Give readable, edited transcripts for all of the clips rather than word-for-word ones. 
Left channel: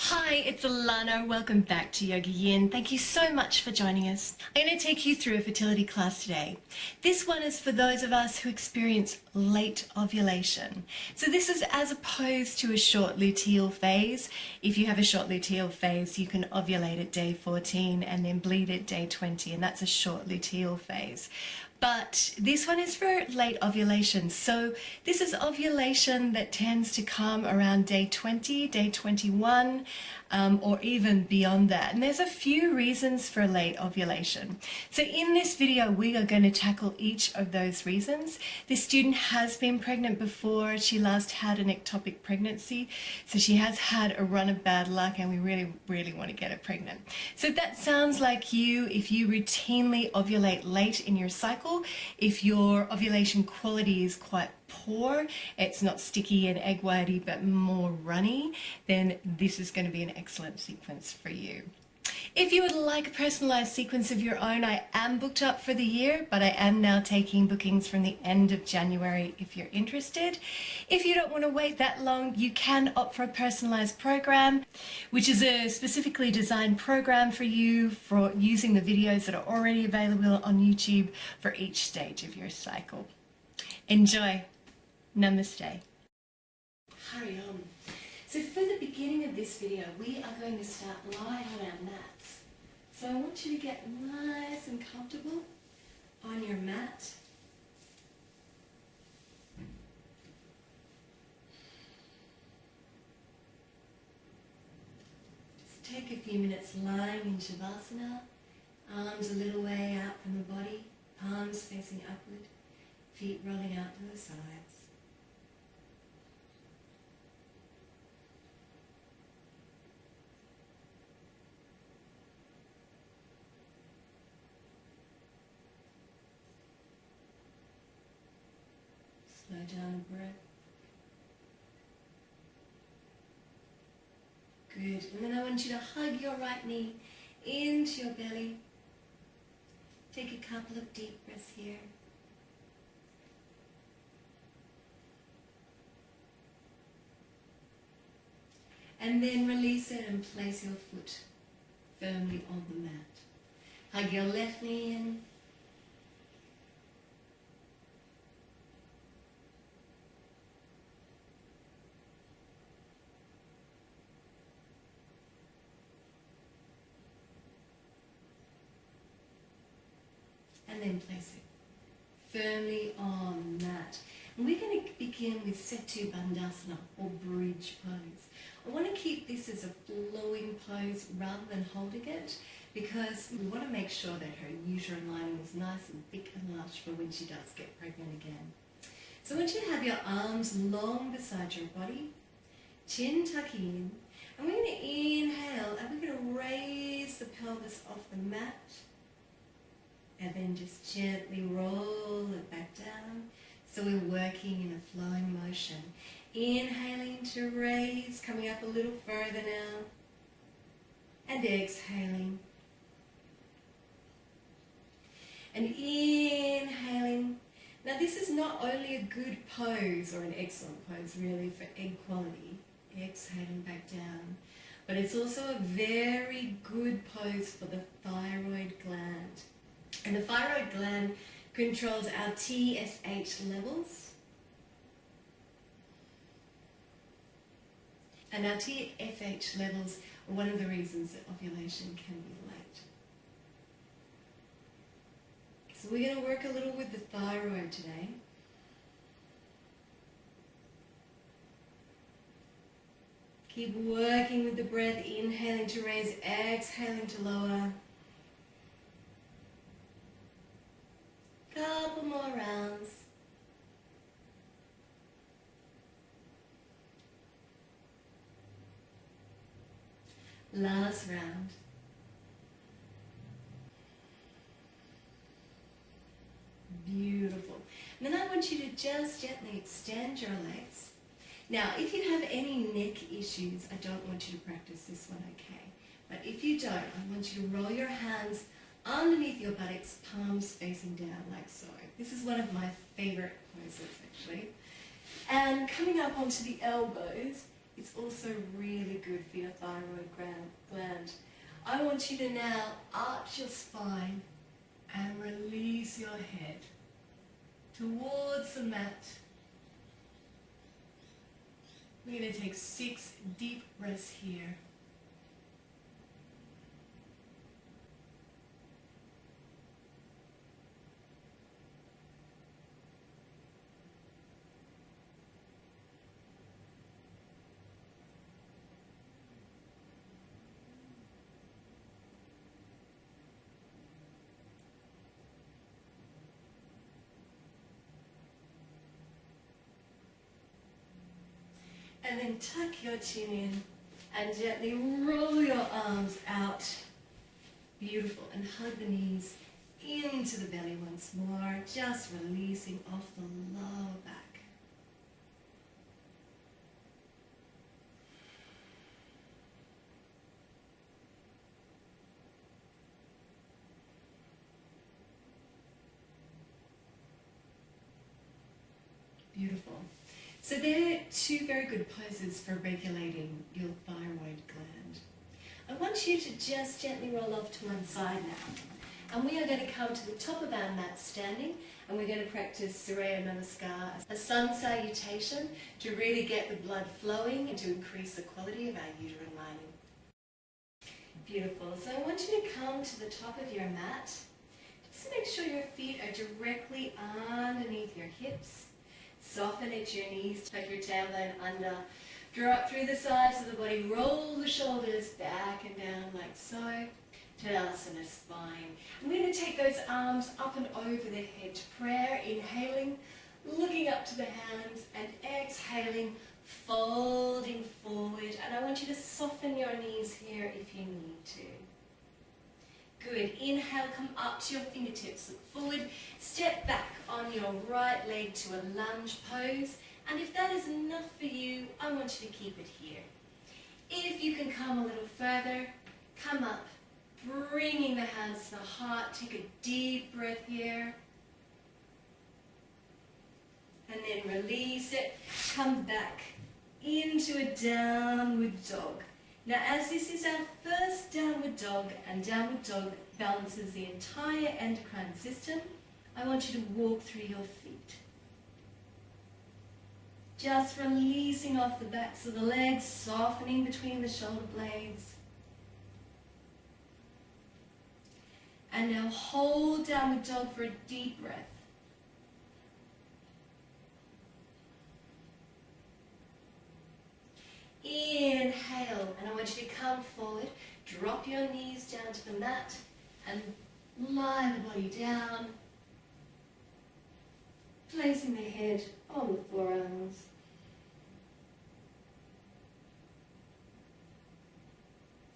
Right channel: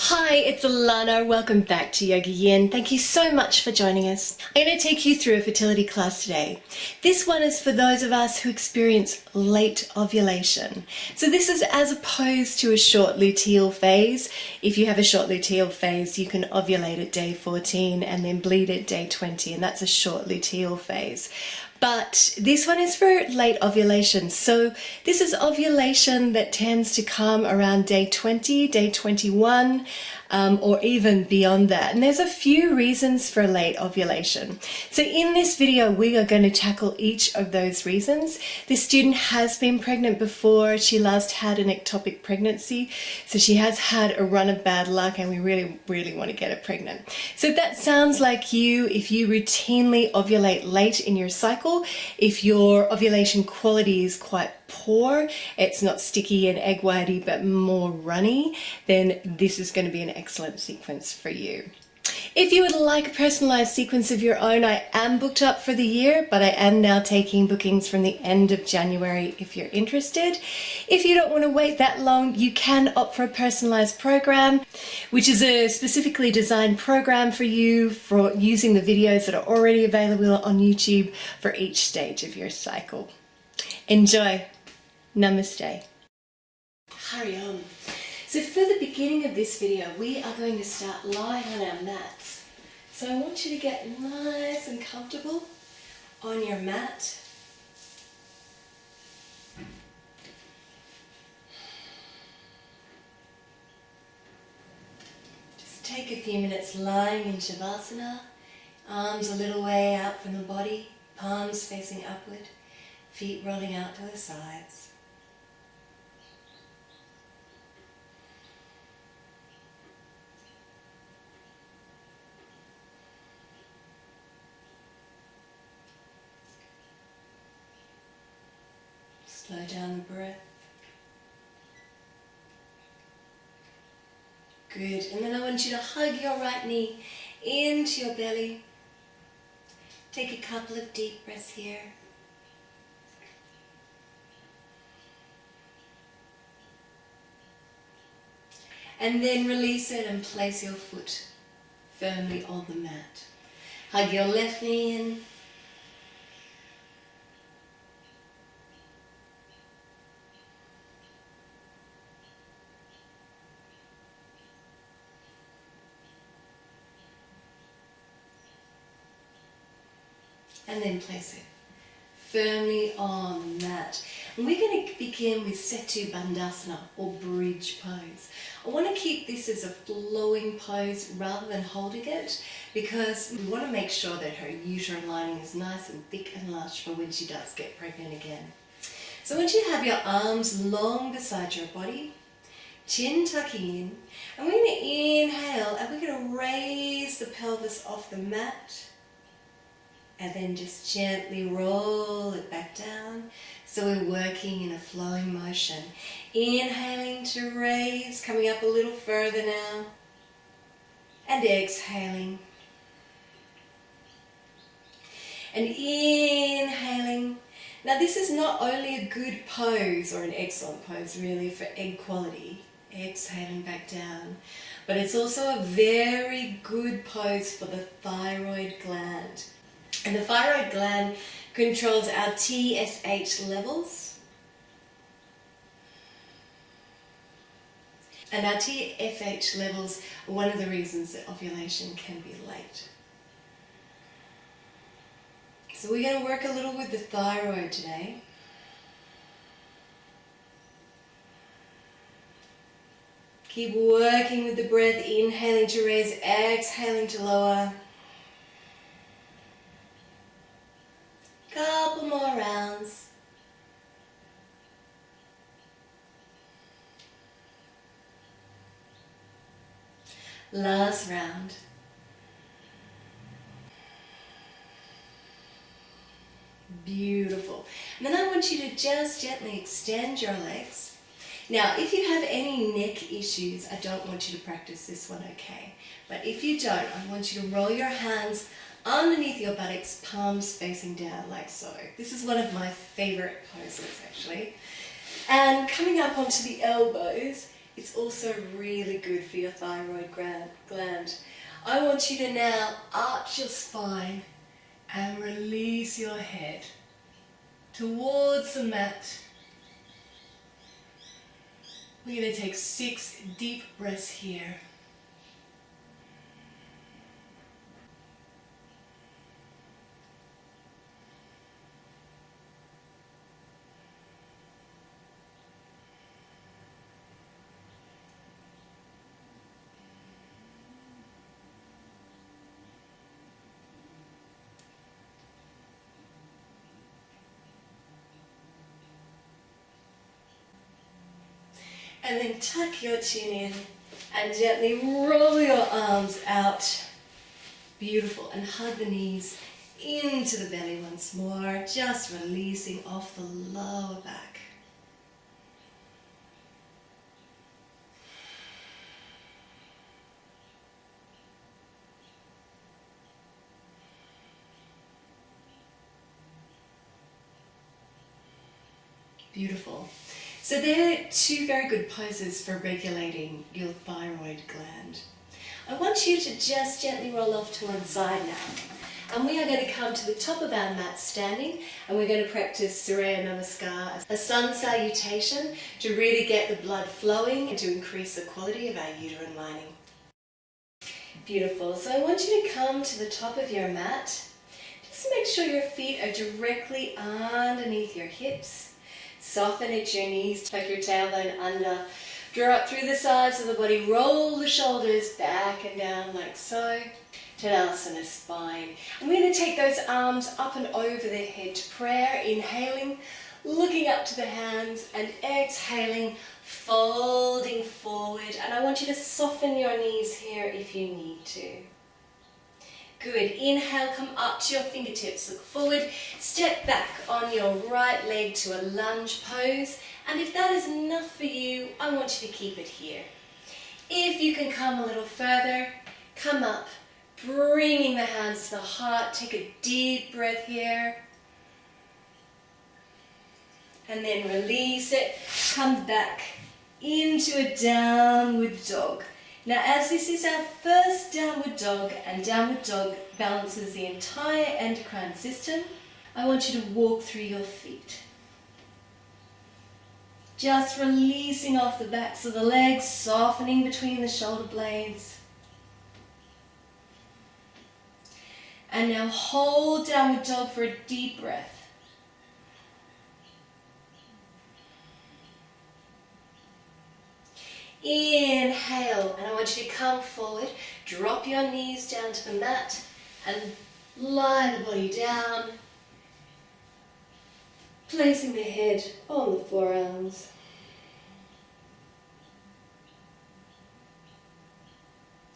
Hi, it's Allannah. Welcome back to YogaYin. Thank you so much for joining us. I'm going to take you through a fertility class today. This one is for those of us who experience late ovulation. So this is as opposed to a short luteal phase. If you have a short luteal phase, you can ovulate at day 14 and then bleed at day 20, and that's a short luteal phase. But this one is for late ovulation. So this is ovulation that tends to come around day 20, day 21, or even beyond that. And there's a few reasons for late ovulation. So in this video, we are going to tackle each of those reasons. This student has been pregnant before. She last had an ectopic pregnancy. So she has had a run of bad luck, and we really want to get her pregnant. So if that sounds like you, if you routinely ovulate late in your cycle, if your ovulation quality is quite poor, it's not sticky and egg whitey but more runny, then this is going to be an excellent sequence for you. If you would like a personalized sequence of your own, I am booked up for the year, but I am now taking bookings from the end of January if you're interested. If you don't want to wait that long, you can opt for a personalized program, which is a specifically designed program for you for using the videos that are already available on YouTube for each stage of your cycle. Enjoy. Namaste. Hurry on. So for the beginning of this video, we are going to start lying on our mats. So I want you to get nice and comfortable on your mat. Just take a few minutes lying in Shavasana, arms a little way out from the body, palms facing upward, feet rolling out to the sides. Slow down the breath. Good. And then I want you to hug your right knee into your belly. Take a couple of deep breaths here. And then release it and place your foot firmly on the mat. Hug your left knee in. And then place it firmly on the mat. And we're going to begin with Setu Bandhasana, or bridge pose. I want to keep this as a flowing pose rather than holding it, because we want to make sure that her uterine lining is nice and thick and lush for when she does get pregnant again. So I want you to have your arms long beside your body, chin tucking in, and we're going to inhale and we're going to raise the pelvis off the mat. And then just gently roll it back down. So we're working in a flowing motion. Inhaling to raise, coming up a little further now. And exhaling. And inhaling. Now this is not only a good pose, or an excellent pose really, for egg quality. Exhaling back down. But it's also a very good pose for the thyroid gland. And the thyroid gland controls our TSH levels. And our TSH levels are one of the reasons that ovulation can be late. So we're going to work a little with the thyroid today. Keep working with the breath, inhaling to raise, exhaling to lower. Couple more rounds. Last round. Beautiful. And then I want you to just gently extend your legs. Now, if you have any neck issues, I don't want you to practice this one, okay? But if you don't, I want you to roll your hands underneath your buttocks, palms facing down like so. This is one of my favorite poses actually. And coming up onto the elbows, It's also really good for your thyroid gland. I want you to now arch your spine and release your head towards the mat. We're going to take 6 deep breaths here. And then tuck your chin in and gently roll your arms out. Beautiful. And hug the knees into the belly once more, just releasing off the lower back. Beautiful. So there are 2 very good poses for regulating your thyroid gland. I want you to just gently roll off to one side now. And we are going to come to the top of our mat standing, and we're going to practice Surya Namaskar, a sun salutation, to really get the blood flowing and to increase the quality of our uterine lining. Beautiful. So I want you to come to the top of your mat. Just make sure your feet are directly underneath your hips. Soften at your knees, tuck your tailbone under, draw up through the sides of the body, roll the shoulders back and down like so. Tadasana spine. And we're going to take those arms up and over the head to prayer, inhaling, looking up to the hands, and exhaling, folding forward. And I want you to soften your knees here if you need to. Good. Inhale, come up to your fingertips, look forward, step back on your right leg to a lunge pose. And if that is enough for you, I want you to keep it here. If you can come a little further, come up, bringing the hands to the heart. Take a deep breath here. And then release it. Come back into a downward dog. Now, as this is our first downward dog, and downward dog balances the entire endocrine system, I want you to walk through your feet. Just releasing off the backs of the legs, softening between the shoulder blades. And now hold downward dog for a deep breath. Inhale, and I want you to come forward, drop your knees down to the mat and lie the body down, placing the head on the forearms.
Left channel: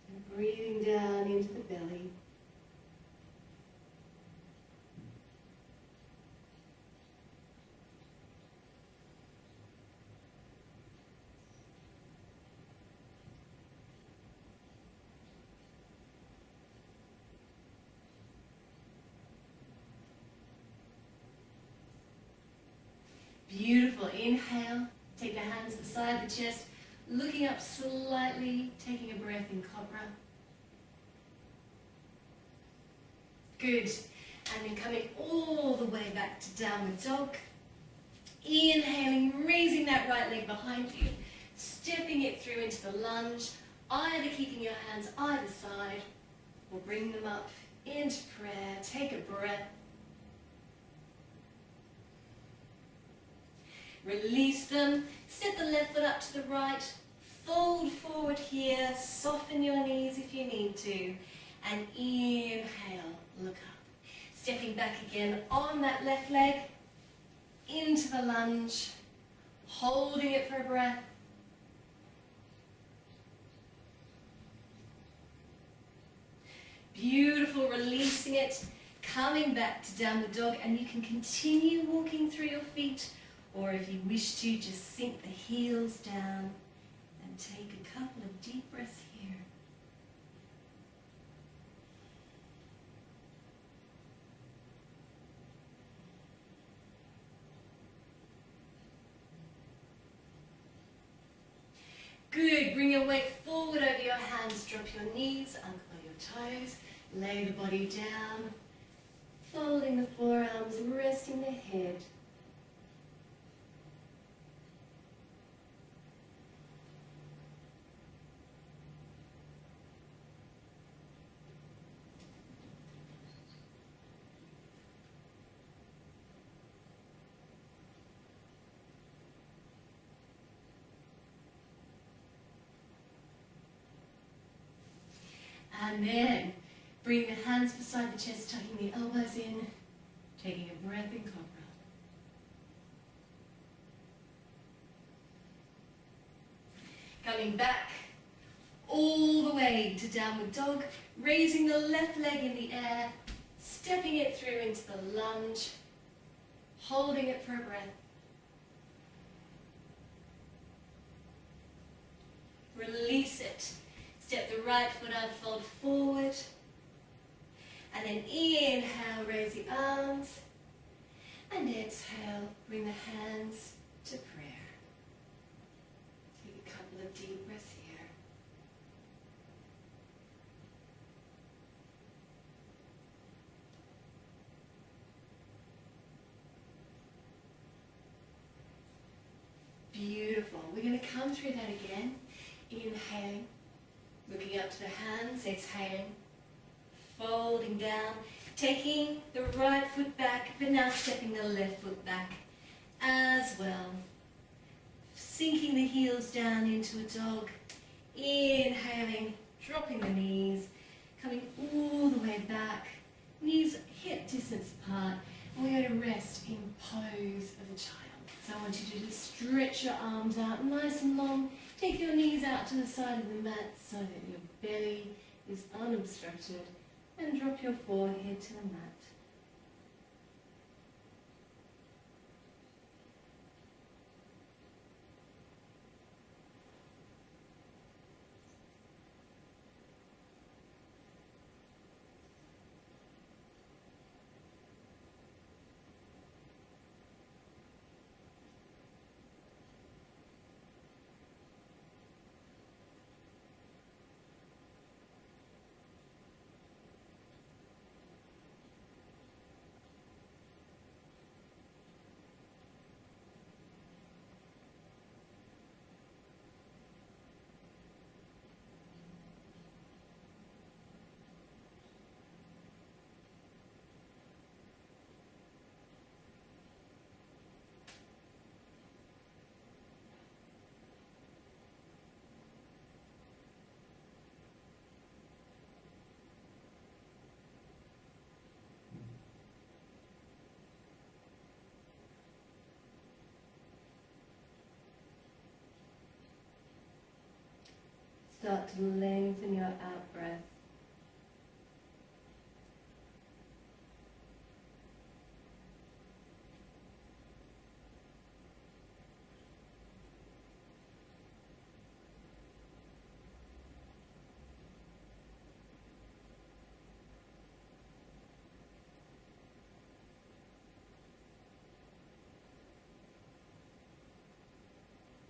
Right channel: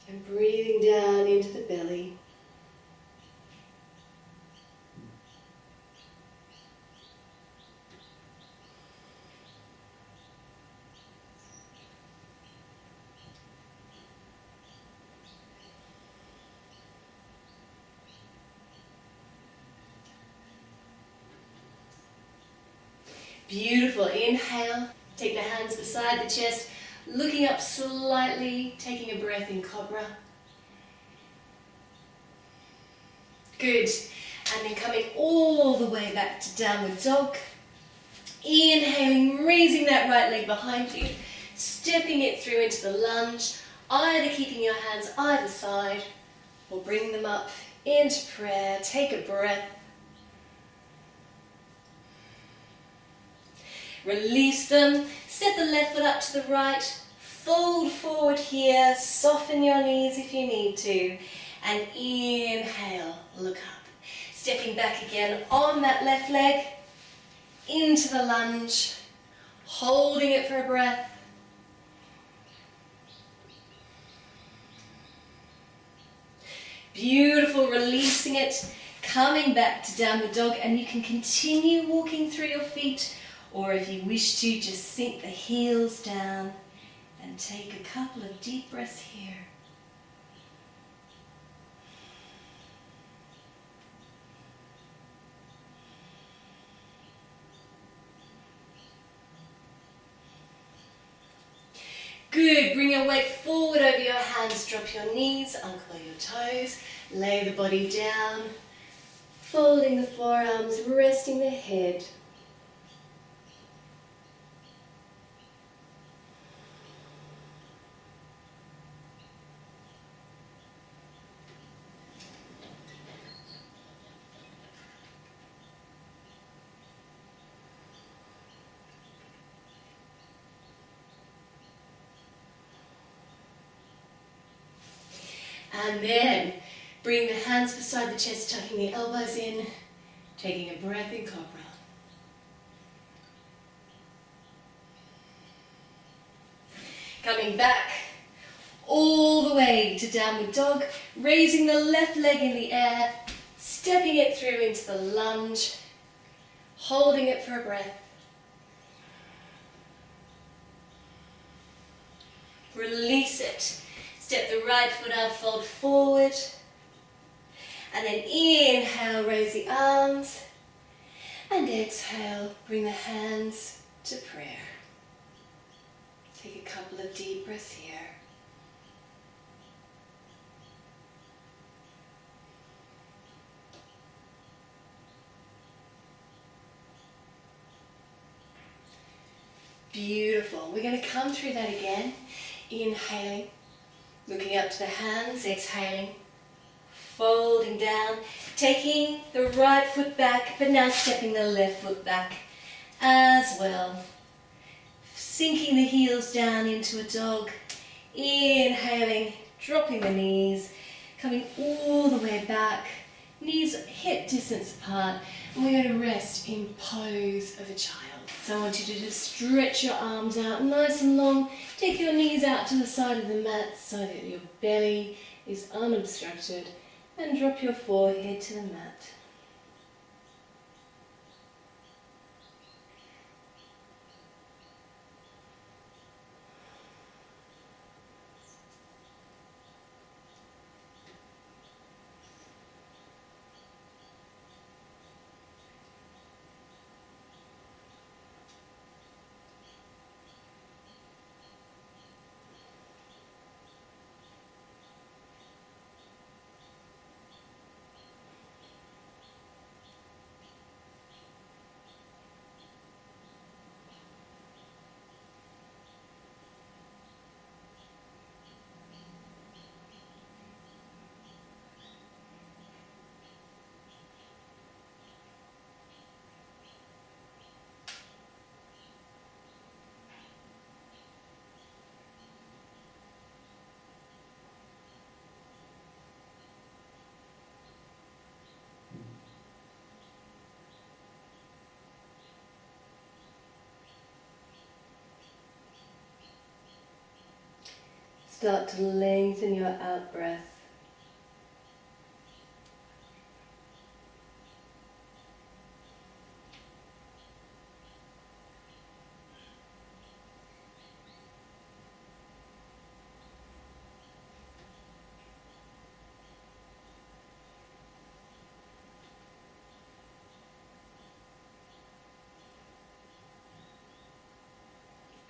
And breathing down into the belly. Beautiful. Inhale. Take the hands beside the chest, looking up slightly, taking a breath in Cobra. Good. And then coming all the way back to Downward Dog. Inhaling, raising that right leg behind you, stepping it through into the lunge, either keeping your hands either side or bring them up into prayer. Take a breath. Release them, step the left foot up to the right, fold forward here, soften your knees if you need to, and inhale, look up. Stepping back again on that left leg, into the lunge, holding it for a breath. Beautiful, releasing it, coming back to Downward Dog, and you can continue walking through your feet, or if you wish to, just sink the heels down and take a couple of deep breaths here. Good. Good, bring your weight forward over your hands, drop your knees, uncurl your toes, lay the body down, folding the forearms, resting the head. And then bring the hands beside the chest, tucking the elbows in, taking a breath in cobra. Coming back all the way to downward dog, raising the left leg in the air, stepping it through into the lunge, holding it for a breath. Release it. Step the right foot out, fold forward. And then inhale, raise the arms. And exhale, bring the hands to prayer. Take a couple of deep breaths here. Beautiful. We're going to come through that again. Inhaling, looking up to the hands, exhaling, folding down, taking the right foot back, but now stepping the left foot back as well. Sinking the heels down into a dog, inhaling, dropping the knees, coming all the way back, knees hip distance apart, and we're going to rest in pose of a child. So I want you to just stretch your arms out nice and long, take your knees out to the side of the mat so that your belly is unobstructed, and drop your forehead to the mat. Start to lengthen your out breath.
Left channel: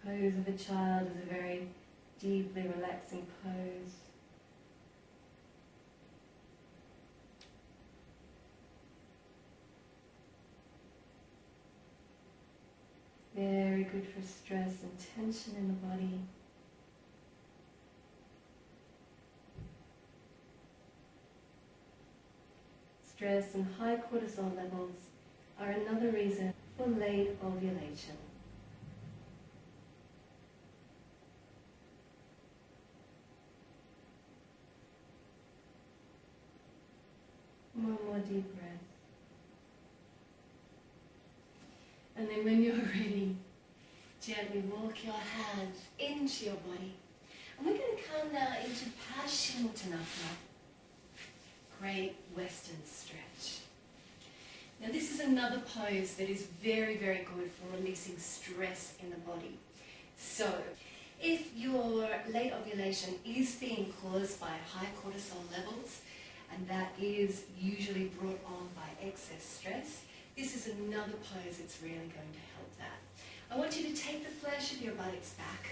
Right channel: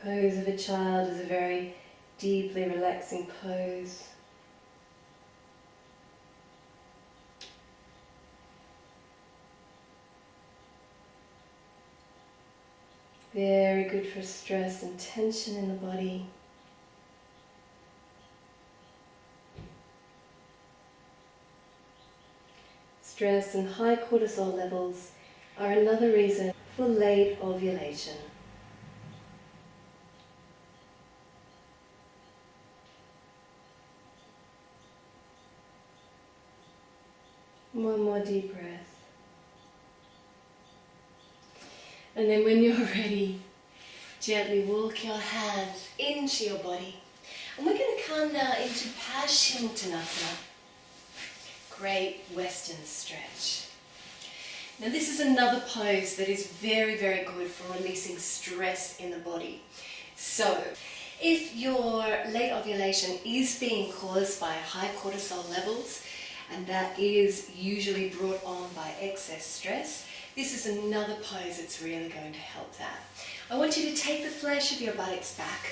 Pose of a child is a very deeply relaxing pose. Very good for stress and tension in the body. Stress and high cortisol levels are another reason for late ovulation. One more deep breath. And then when you're ready, gently walk your hands into your body. And we're going to come now into Paschimottanasana. Great Western stretch. Now this is another pose that is very, very good for releasing stress in the body. So, if your late ovulation is being caused by high cortisol levels, and that is usually brought on by excess stress, this is another pose that's really going to help that. I want you to take the flesh of your buttocks back,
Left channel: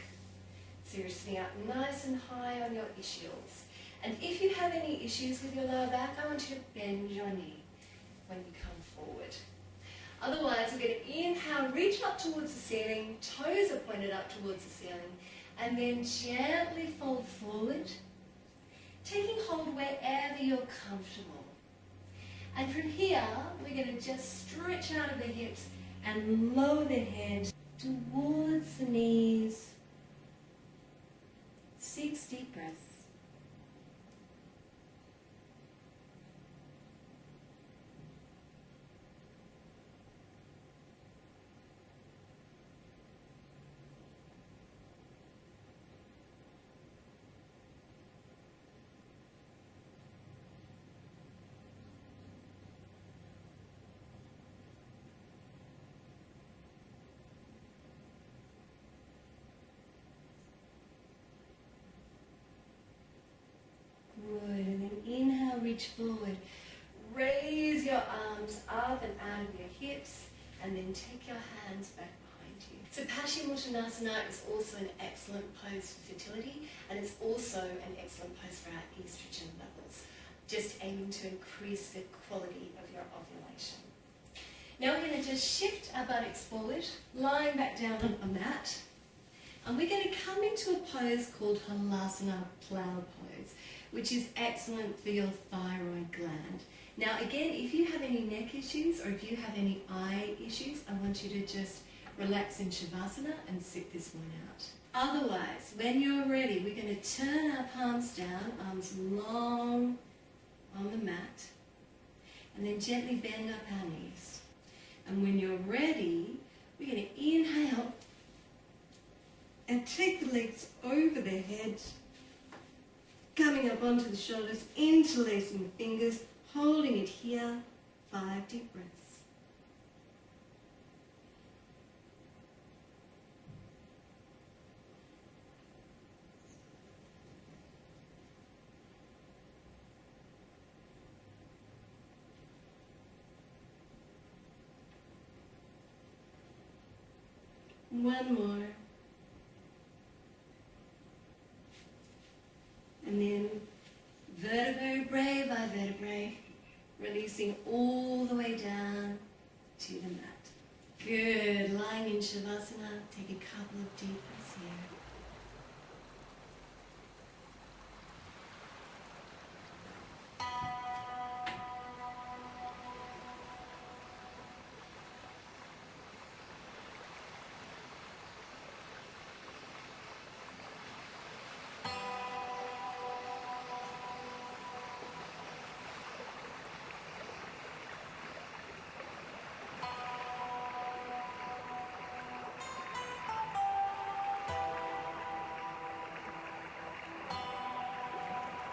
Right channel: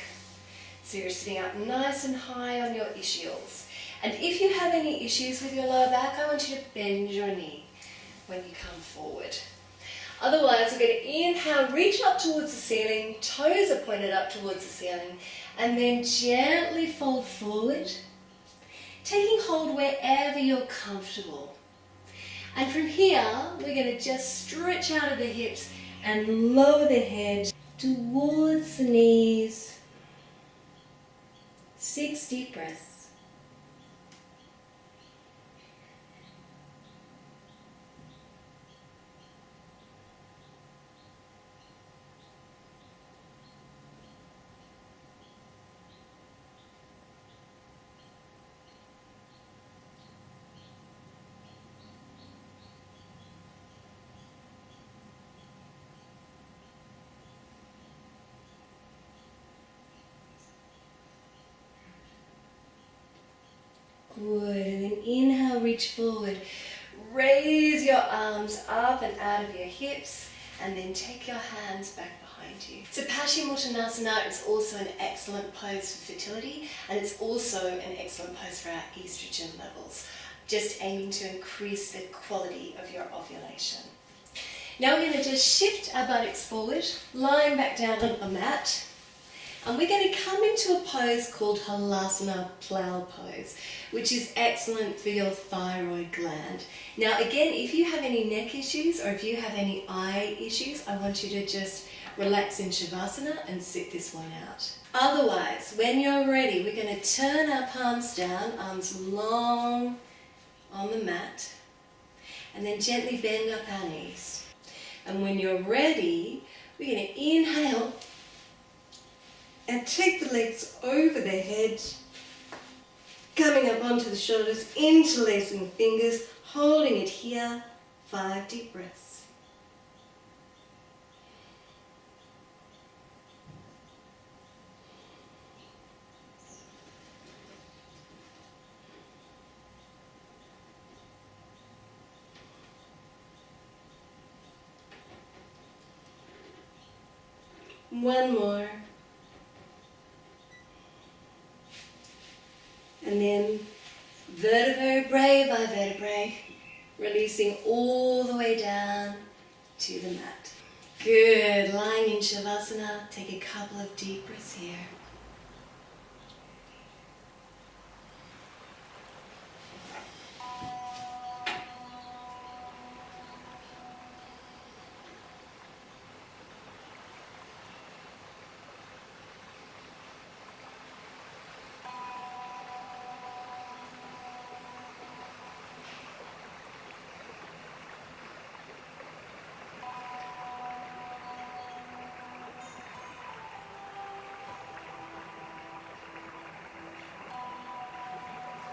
So you're sitting up nice and high on your ischials. And if you have any issues with your lower back, I want you to bend your knee when you come forward. Otherwise, we're going to inhale, reach up towards the ceiling, toes are pointed up towards the ceiling, and then gently fold forward, taking hold wherever you're comfortable. And from here, we're going to just stretch out of the hips and lower the head towards the knees. 6 deep breaths. Good, and then inhale, reach forward. Raise your arms up and out of your hips, and then take your hands back behind you. So Paschimottanasana is also an excellent pose for fertility, and it's also an excellent pose for our estrogen levels, just aiming to increase the quality of your ovulation. Now we're going to just shift our buttocks forward, lying back down on a mat, and we're going to come into a pose called Halasana plow pose, which is excellent for your thyroid gland. Now again, if you have any neck issues or if you have any eye issues, I want you to just relax in Shavasana and sit this one out. Otherwise, when you're ready, we're going to turn our palms down, arms long on the mat, and then gently bend up our knees. And when you're ready, we're going to inhale and take the legs over the head, coming up onto the shoulders, interlacing the fingers, holding it here. 5 deep breaths. One more. And then vertebrae by vertebrae, releasing all the way down to the mat. Good, lying in Shavasana, take a couple of deep breaths here.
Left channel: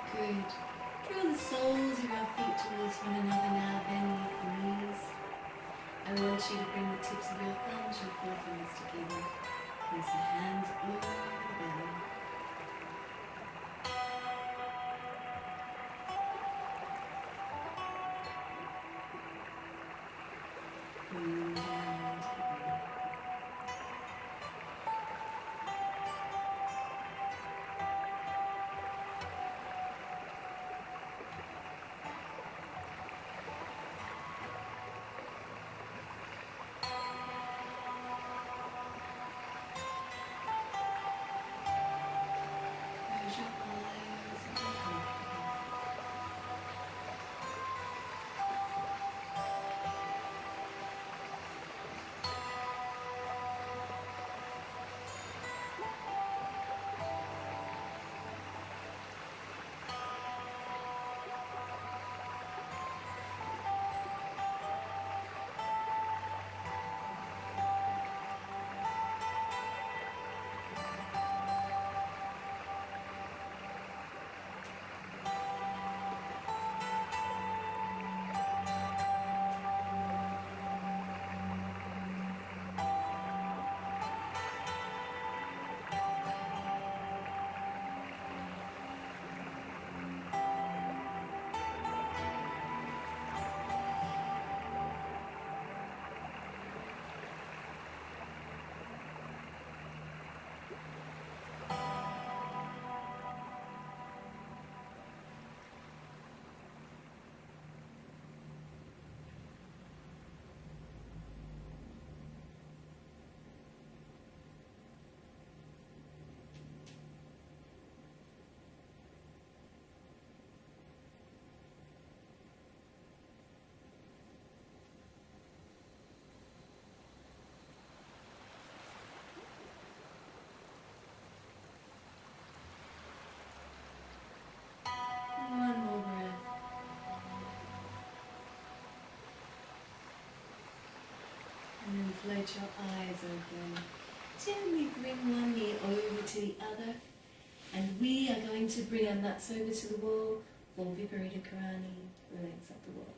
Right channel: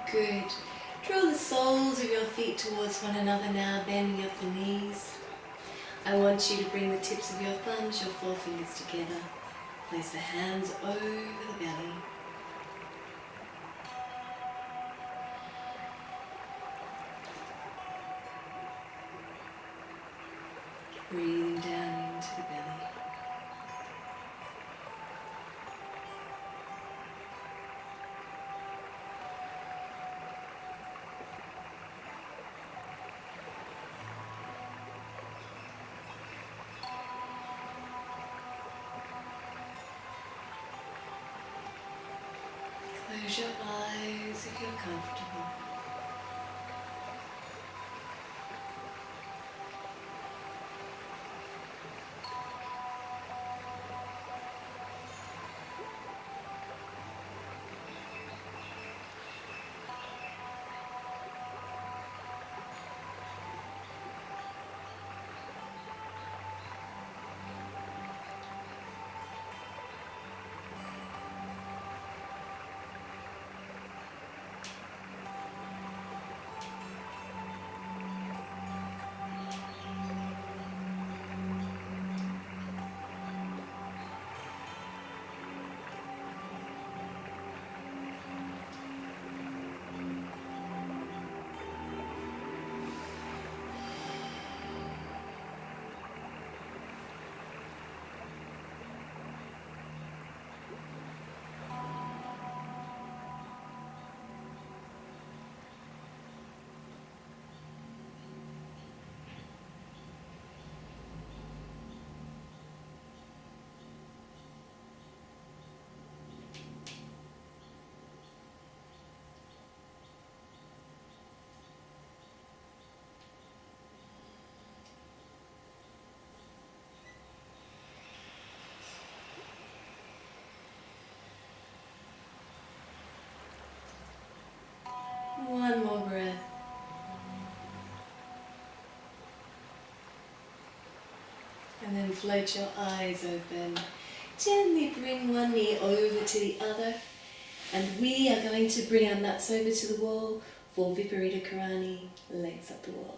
Good. Draw the soles of your feet towards one another now, bending up the knees. I want you to bring the tips of your thumbs, your forefingers together. Place the hands over the belly. Breathing down into the belly. Close your eyes if you're comfortable. float your eyes open. Gently bring one knee over to the other. And we are going to bring our mats over to the wall for Viparita Karani, legs up the wall.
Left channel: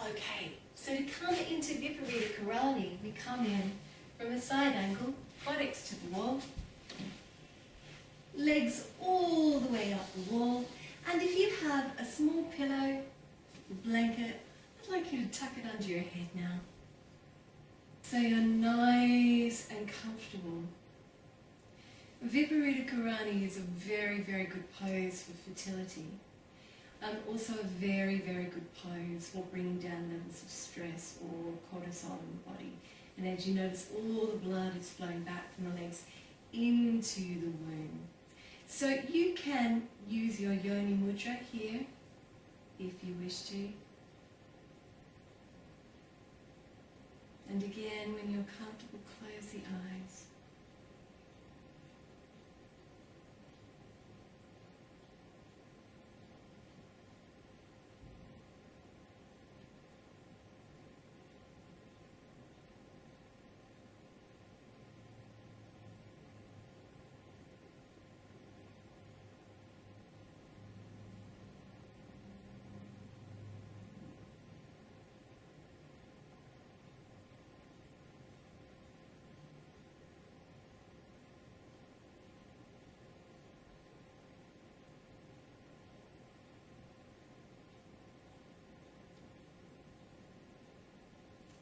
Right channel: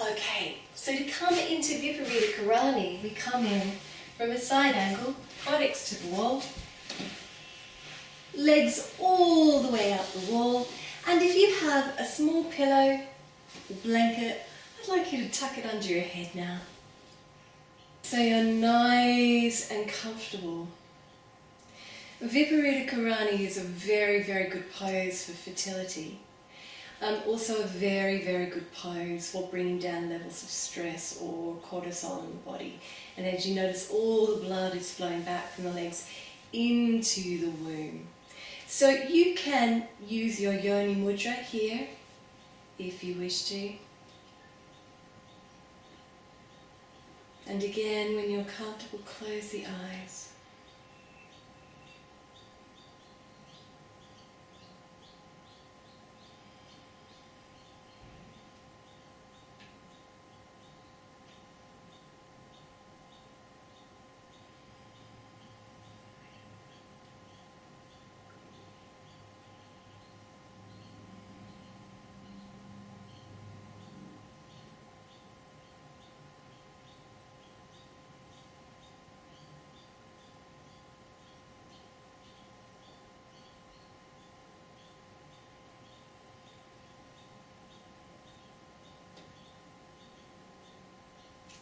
Okay, so to come into Viparita Karani, we come in from a side angle, buttocks to the wall, legs all the way out the wall, and if you have a small pillow or blanket, I'd like you to tuck it under your head now. So you're nice and comfortable. Viparita Karani is a very, very good pose for fertility. Also a very, very good pose for bringing down levels of stress or cortisol in the body. And as you notice, all the blood is flowing back from the legs into the womb. So you can use your yoni mudra here if you wish to. And again, when you're comfortable, close the eyes.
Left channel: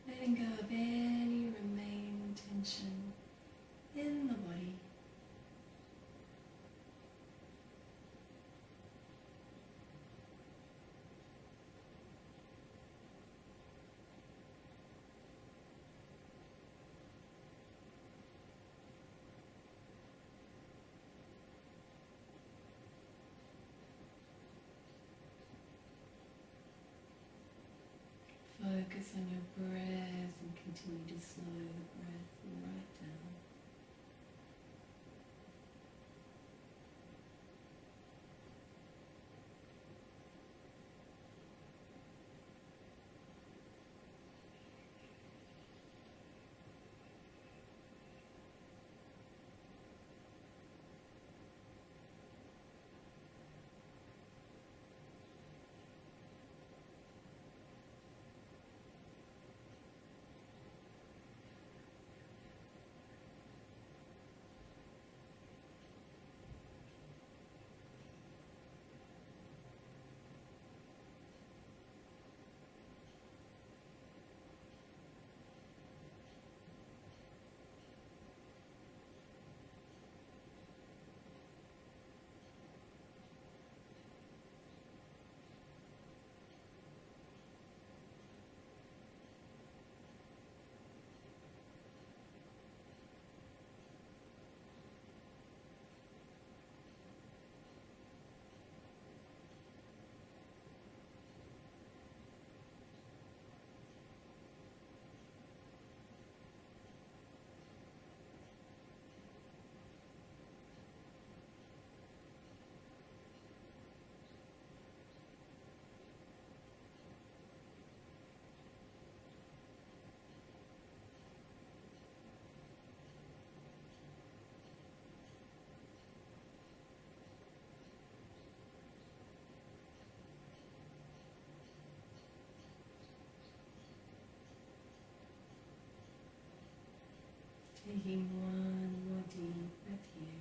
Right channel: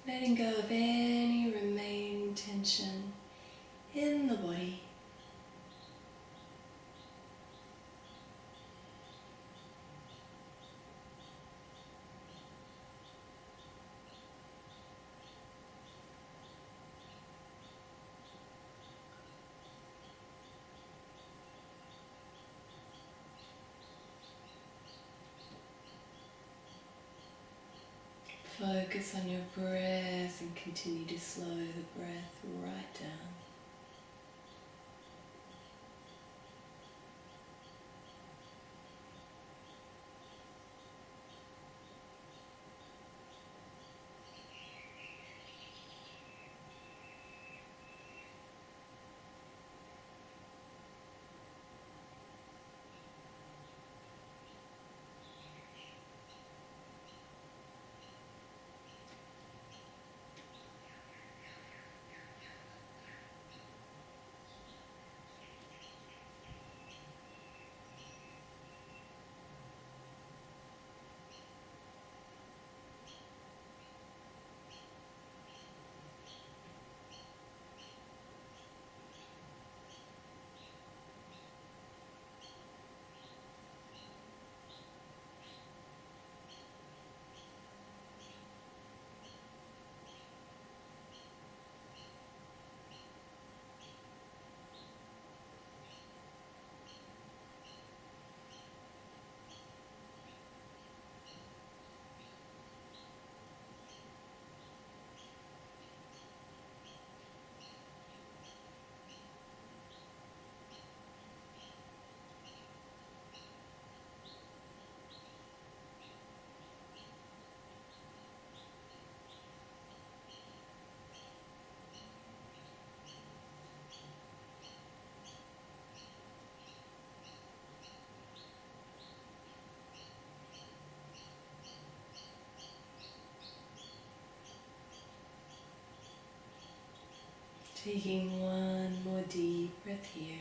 Letting go of any remaining tension in the body. Focus on your breath and continue to slow the breath right down. Taking one more deep breath here.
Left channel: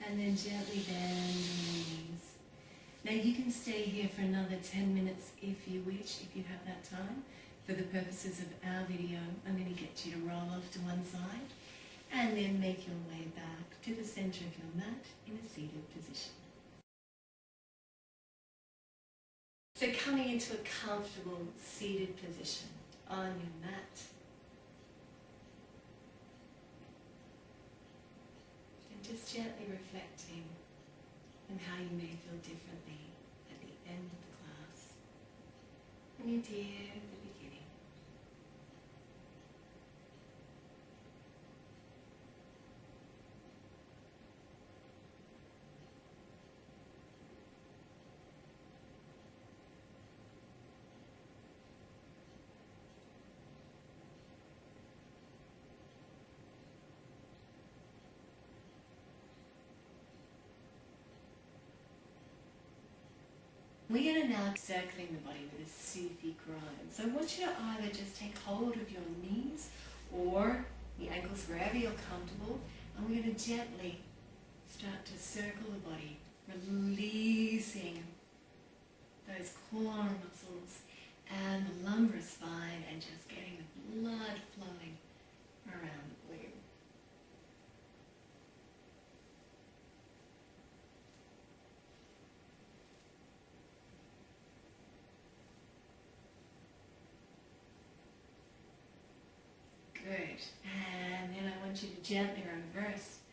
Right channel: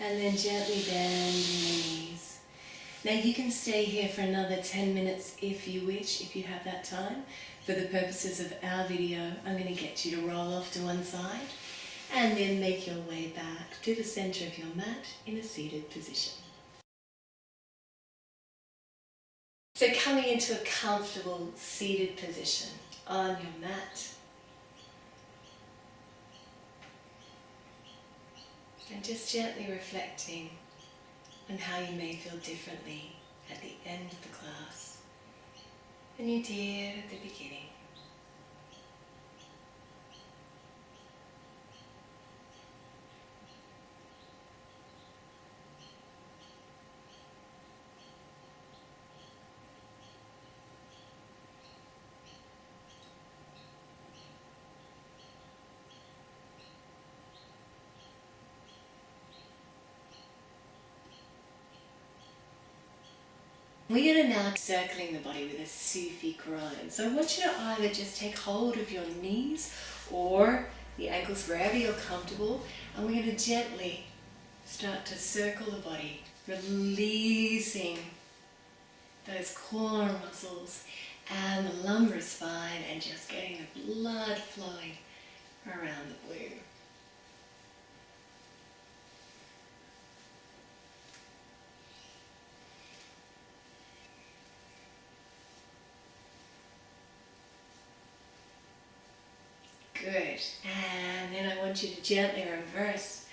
And then gently bend your knees. Now you can stay here for another 10 minutes if you wish, if you have that time. For the purposes of our video, I'm going to get you to roll off to one side and then make your way back to the center of your mat in a seated position. So coming into a comfortable seated position on your mat. And just gently reflecting on how you may feel differently at the end of the class than you did at the beginning. We're going to now circling the body with a Sufi grind. So I want you to either just take hold of your knees or the ankles wherever you're comfortable, and we're going to gently start to circle the body, releasing those core muscles and the lumbar spine, and just getting the blood flowing around the womb. Good. And then I want you to gently reverse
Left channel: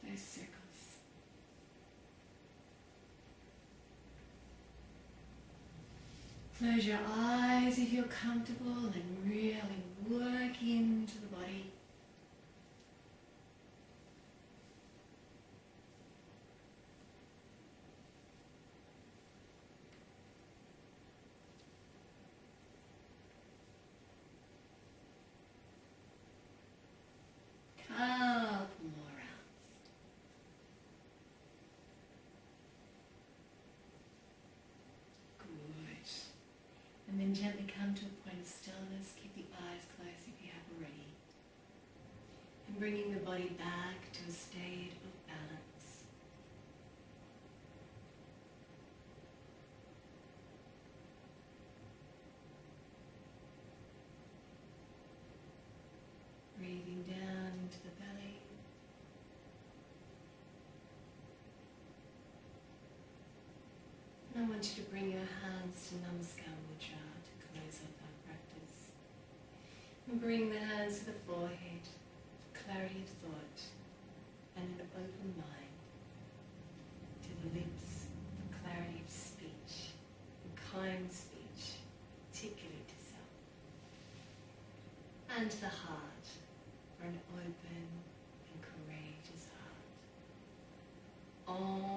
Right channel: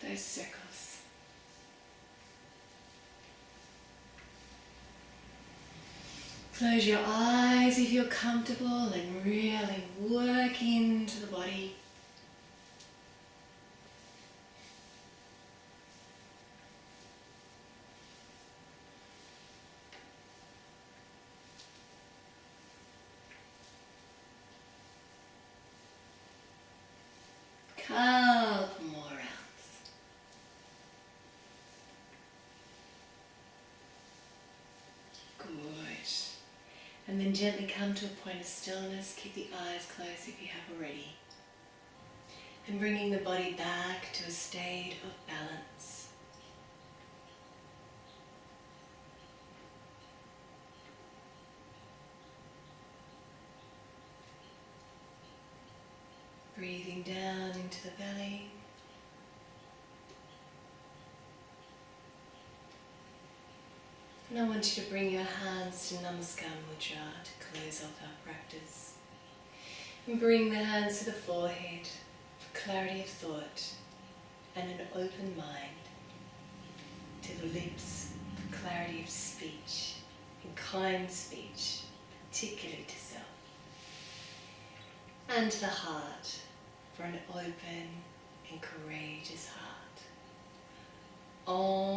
those circles. Close your eyes if you're comfortable and really work into the body. Couple more rounds. Good. And then gently come to a point of stillness. Keep the eyes closed if you have already. And bringing the body back to a state of balance. Breathing down into the belly. And I want you to bring your hands to Namaskar Mudra to close off our practice. And bring the hands to the forehead for clarity of thought and an open mind. To the lips for clarity of speech and kind speech, particularly to self. And to the heart for an open and courageous heart. Om